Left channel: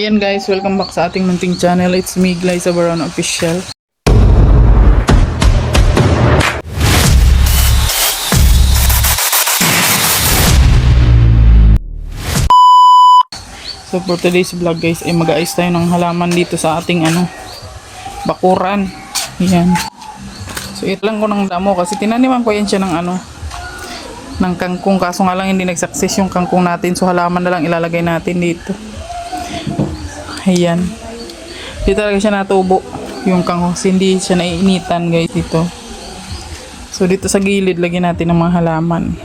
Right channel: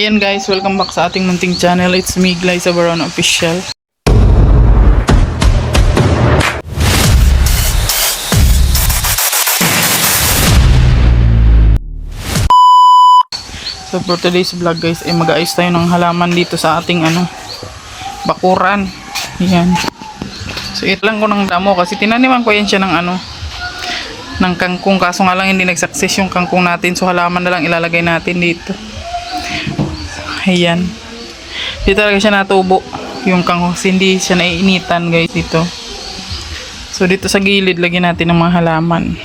Ayan guys, welcome back sa ating munting channel. It's me, Glyza Baron Official. So for today's vlog guys, ay mag-aayos tayo ng halaman dito sa ating bakuran. Ayan. So ito lang ko ng damo kasi tinaniman ko yan siya ng kangkong, kaso nga lang hindi nag-success yung kangkong natin, so halaman na lang ilalagay natin dito. Ayan, di talaga siya natubo yung kangkong, hindi siya naiinitan guys dito. So dito sa gilid lagyan natin ng mga halaman.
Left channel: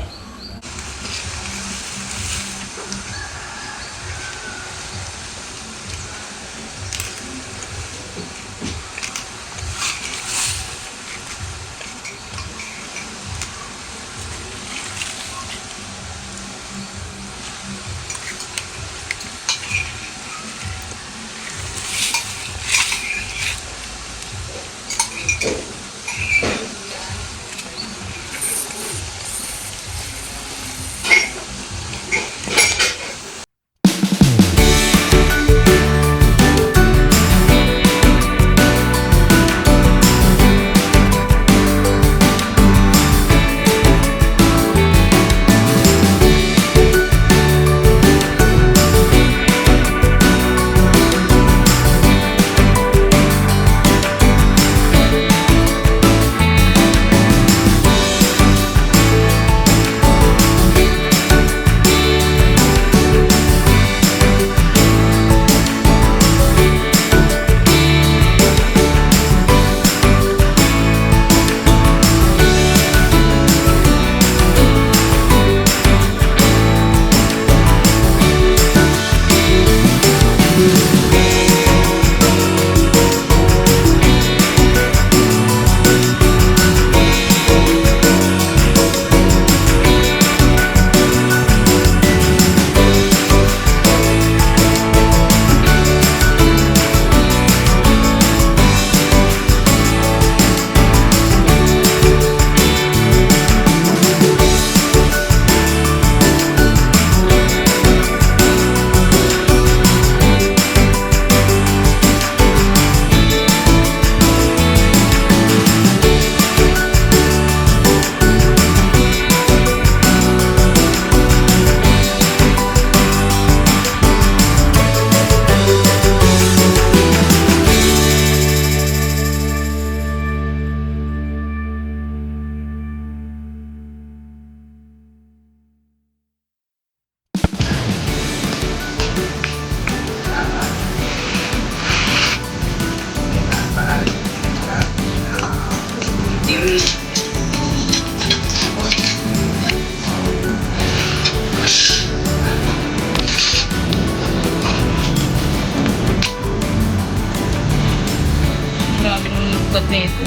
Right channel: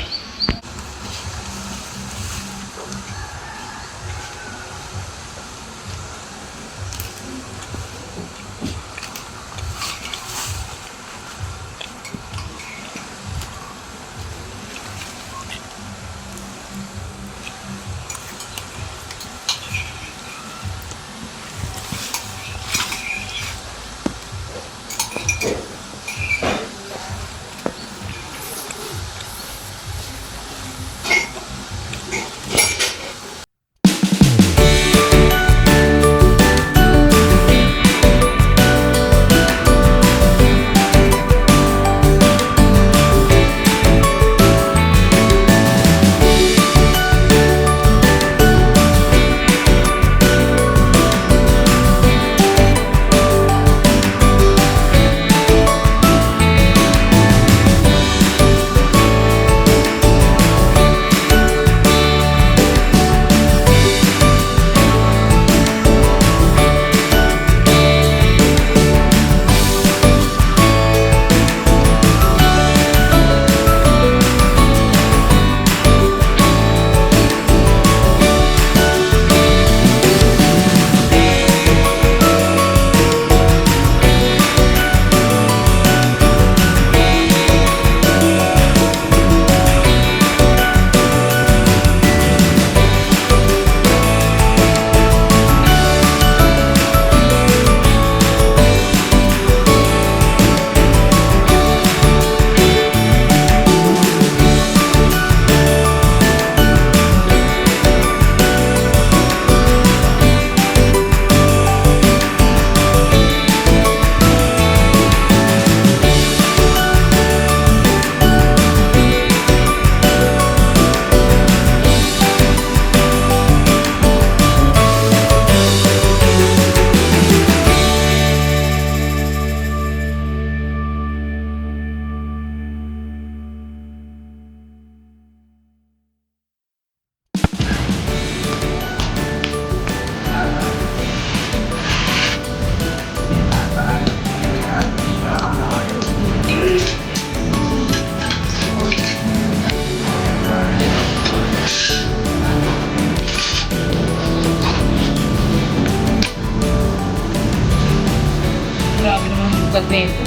Grabe naman yung ugat na ito.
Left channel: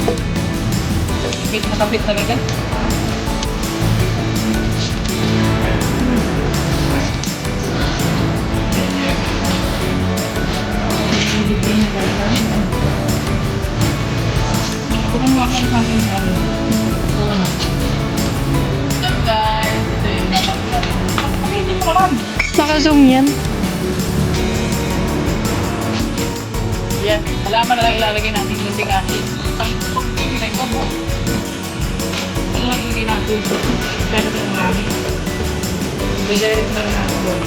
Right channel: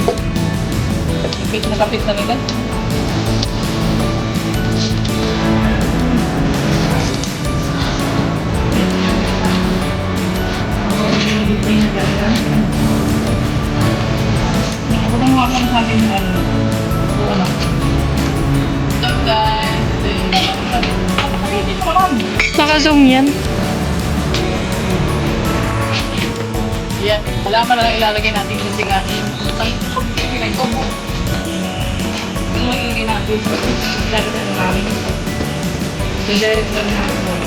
Kapit na kapit talaga. Hindi na ganda. Ako nang wakang sa akin yung ito What's up guys? Ito yung nakapagpapapilitin mo lang. Naka-zoom yan. Yan, halaman na lang ilalagay natin yung ating pinay kobo. Ano lang ilagay natin? Dagat na namin. Direct na natin doon.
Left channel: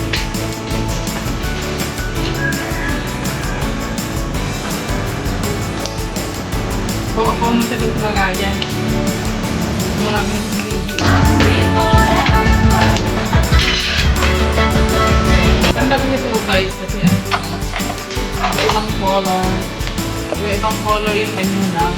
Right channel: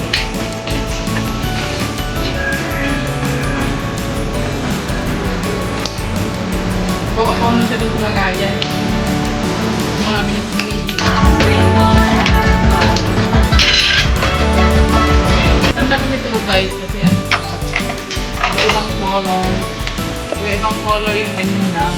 Ako na siya doon sa lagayan. Marami na sinigil. Tanda kami ito guys kasi yan. Ibang color. Ibang color yung menu na.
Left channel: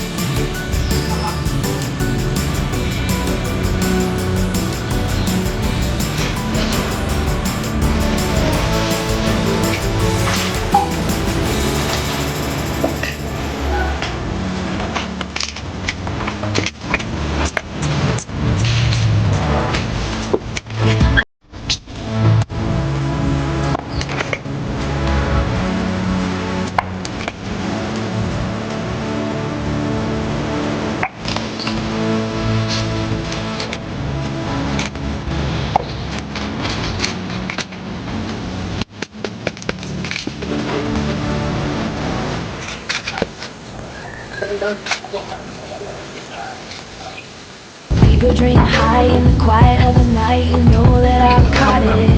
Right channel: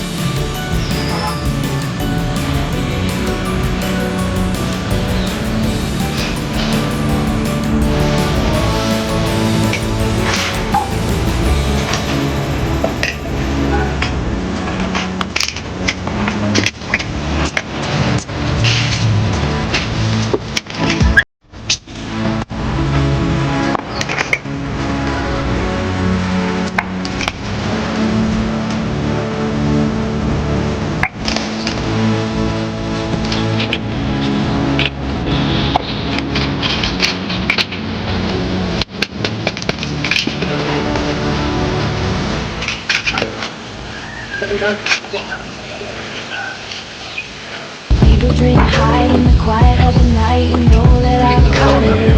People drink high in the quiet of the night. You know that I've got it.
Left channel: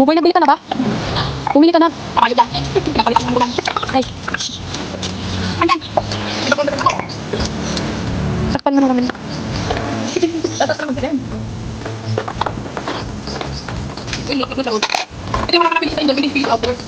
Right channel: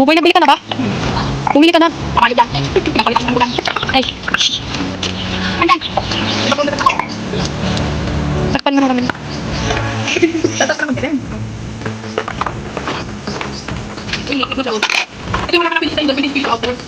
Buboy, nagbili ka na ba? Bumili ka na. Pamayod lang. Napalit ang bulan. Ay. Andan. Sakpan mo na namin. Tatas naman din. Uy, ito sa ulo. Ito yung mga pinisa yung pinisa out there.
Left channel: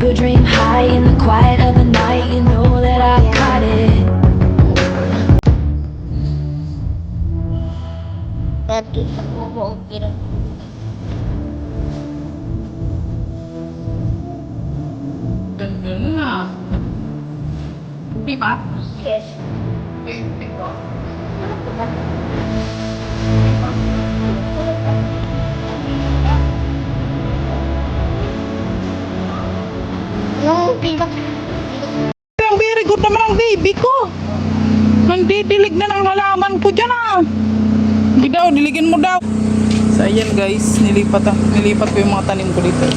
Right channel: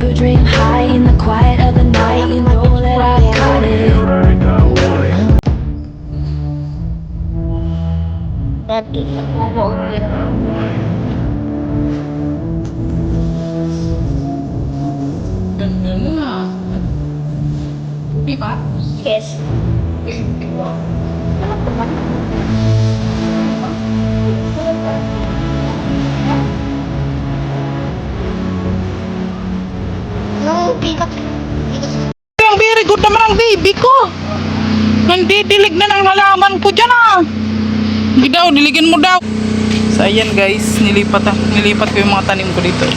People dream high in the quiet of the night. You know that I've got it. Ganda na. Di ba? Yes. Nung bigat. Ang very good naman ang baby ko. Nandidilig na ng halaman ko dyan ah. Hindi daw, diligin mo daw. So ayan guys, nilipat ko yung mga tanim ko dito.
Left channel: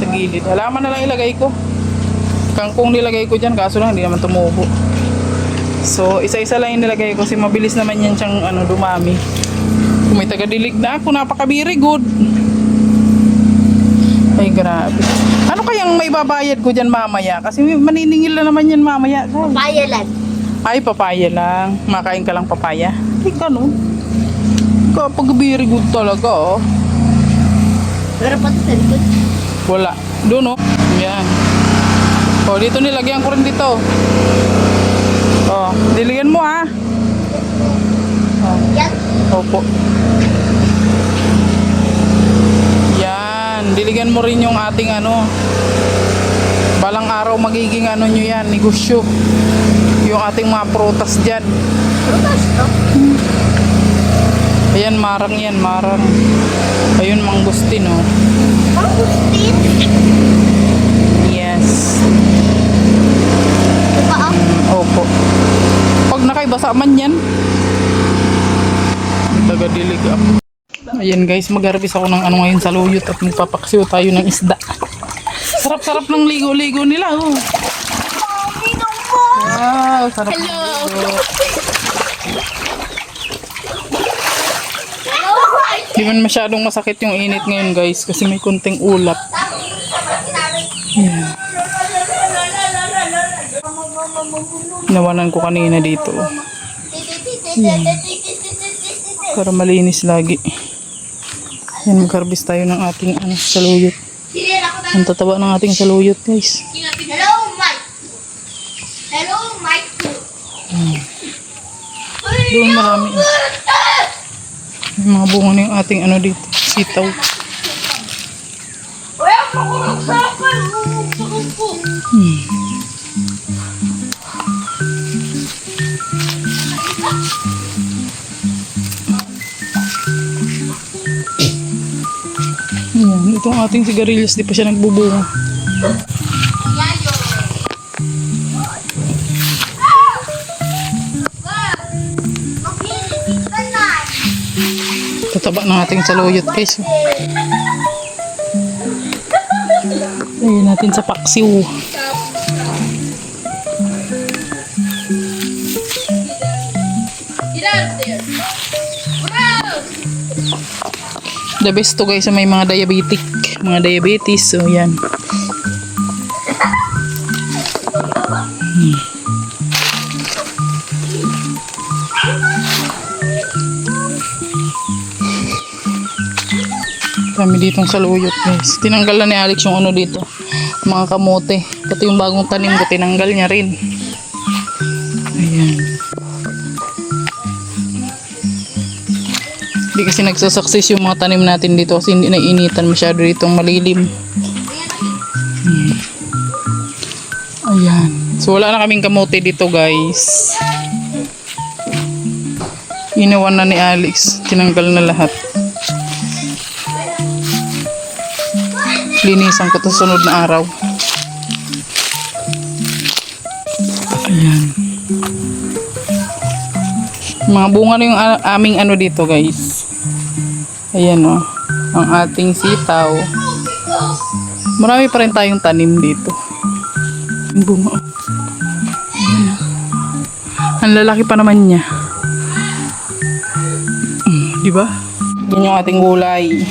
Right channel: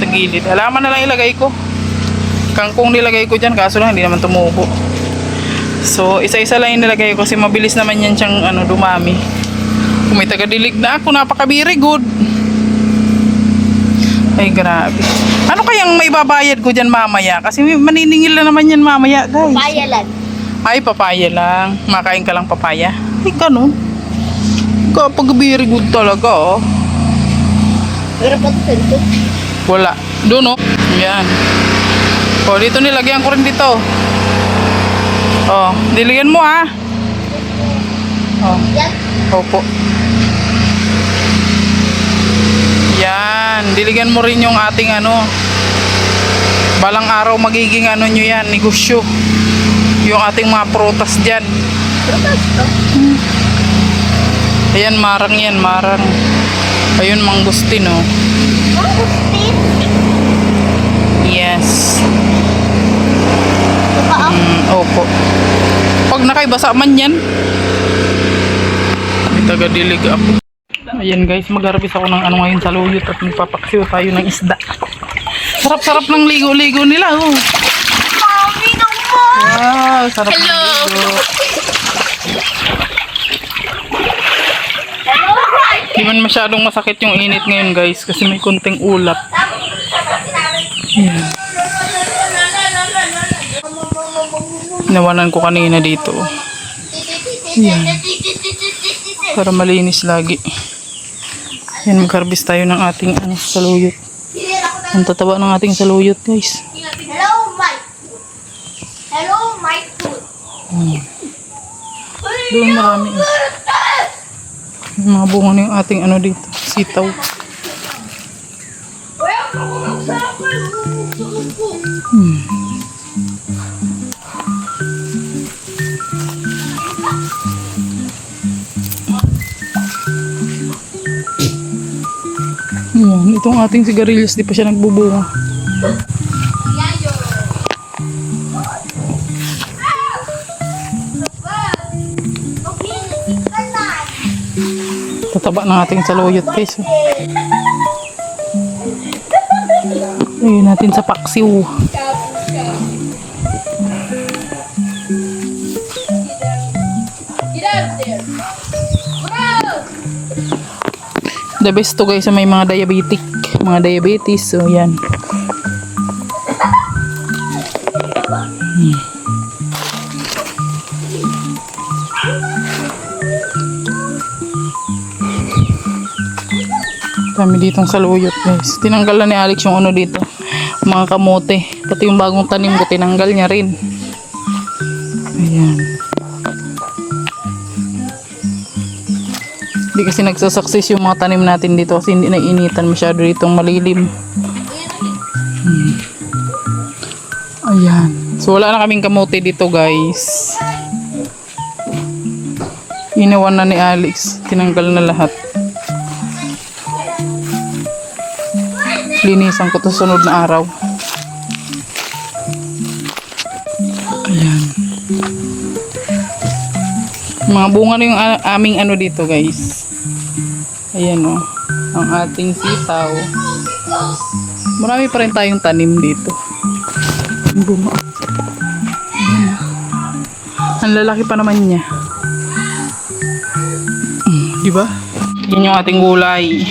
Sa gilid. Halaman na lang ilagay ko. Kangkong nilagay ko dyan, kaso lang hindi naman tumubo. So isa-isa lang yung nilagay ko kasi mabilis naman yan siyang dumami. Kung may taga-dilig na ako, napaka-very good. Ay grabe. Ano kayang may babayad ko dyan mamaya? Kasi maniningil na naman yan mamaya guys. Payalan. Ay, papaya lang. Makain ka lang papaya. Ay, ganun. Kapag very good talaga, oh. Pero pa ito dito. Wala. Doon, oh. Yan. Oh, dito nilagyan ko rin dito. Oh, diligan mo, ah. Oh. Yan. Opo. Yan. Diligan mo rin yung ating balang araw magiging nyo yan, negosyo. Yung ating mga prutas dyan. Prutas to? Ayan, marang yan, marang. Ayun, mangustin, oh. Mangustin? Yes. Opo. Pag nakaibasa man yan. May taga-dilig ako. Ayan guys, mag-harvest ako ng ngayon sa luyot at magpapaksiw tayo ng isda. Sarap-sarap ng ligo-ligo nila, oh. Wow, sarap. Hello. Di man masyadong masakit yung init ngayon, guys, kasi may kunting ulap. Yan. Nawanan ko kanina dito. Yan. Para malinis lagi. Yan, mag-harvest tayo ng ating saluyot. Ang tataba ng ating saluyot, guys. Hello, Mike. Hello, Mike. Doon marami. May mga bunga na yung ating dito. Sitaw. Yan, itong ating sigarilyas, di pa siya nagbubunga. Tataba ng ating saluyot, guys. Lagyan natin sa paksiw. The best to, guys, sa may mga diabetic, mga diabetes. So yan. Dami ditong saluyot, guys. Tinanggal na ni Alex yung dito, mga kamote. Pati yung bagong tanim ko, tinanggal niya rin. Ayan. Hindi kasi nagsasucess yung mga tanim natin dito kasi hindi nainitan masyado ditong malilim. Ayan. So wala na kaming kamote dito, guys. Inawan na ni Alex. Tinanggal na lahat. Linisan ko to sunod na araw. Ayan. Mga bunga na yung aming dito, guys. Ayan, oh. Ang ating sitaw. Marami pa rin tayong tanim dito. Ang bunga. Ayan. Ang lalaki pa naman niya. Diba? Yan yung ating gulay.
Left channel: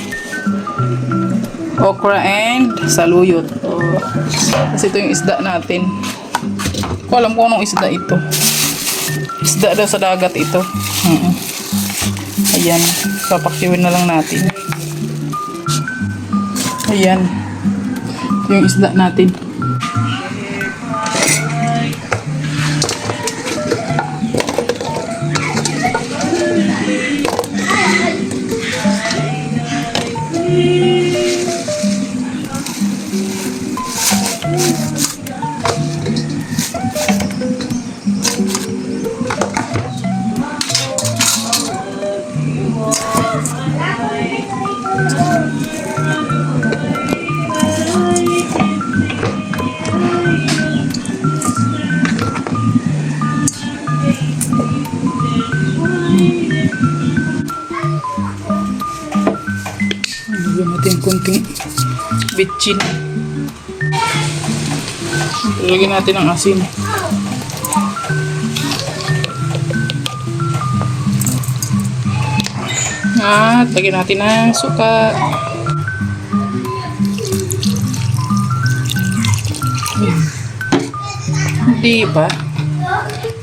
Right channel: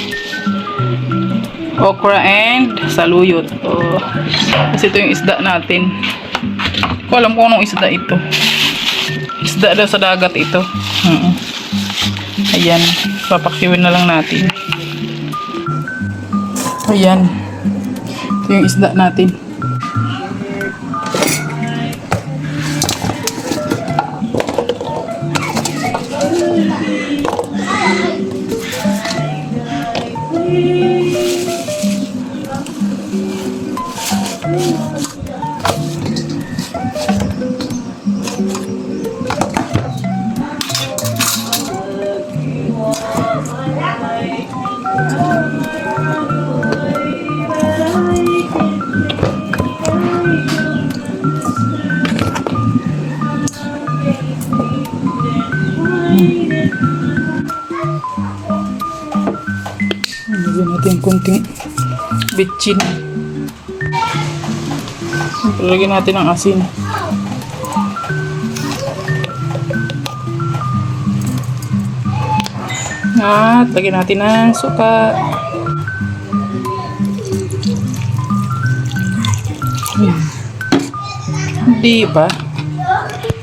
Okra and saluyot. Oh. Kasi ito yung isda natin. Ko alam ko anong isda ito. Isda daw sa dagat ito. Ayan. Papakiwin na lang natin. Ayan. Ito yung isda natin. Lagyan natin kunting bitchin. Lagyan natin ang asin. At lagyan natin ng suka. Hindi ba?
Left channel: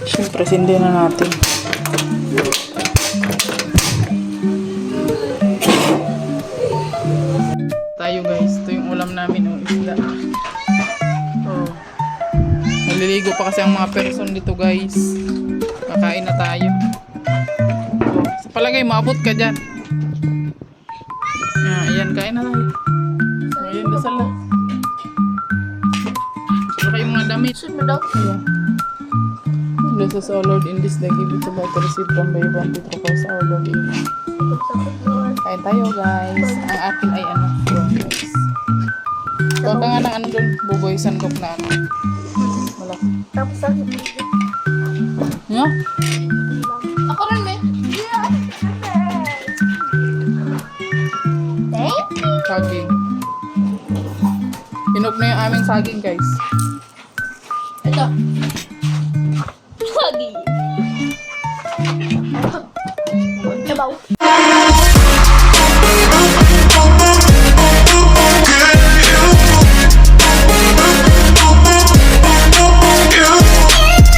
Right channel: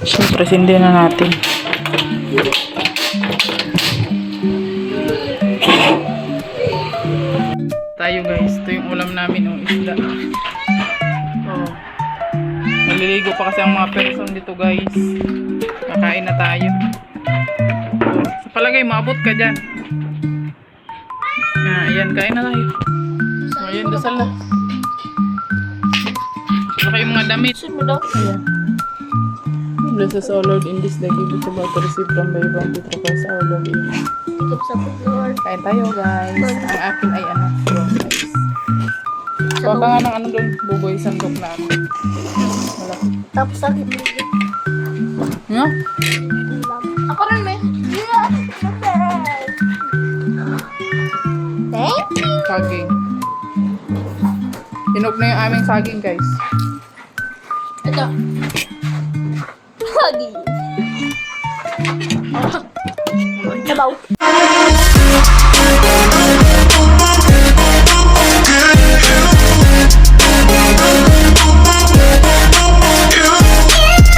Siyempre, sindi na natin. Tayo, guys. Ito yung ulam namin, oh, isda. Oh. Naliligo pa kasi ang mga person dito, guys. Kakain na tayo. Oh. Sa palagay, maabot ka dyan. Ayan, kain na tayo. Oh, ayan, dasal na. Saka kayong mga damit. Ayan. Bless us, O Lord, in this day, give it to God to receive from by one Petro Christ our Lord. Amen. Kain tayo, guys. Ang akin ay guys. Kuha ka nga ng doon, buboy, sandok na malaki. Tapos ang No? ako rin, may. Thank you. Kaging. Hinog na yung aming saging, guys. Ito. Lagi. Sabaw.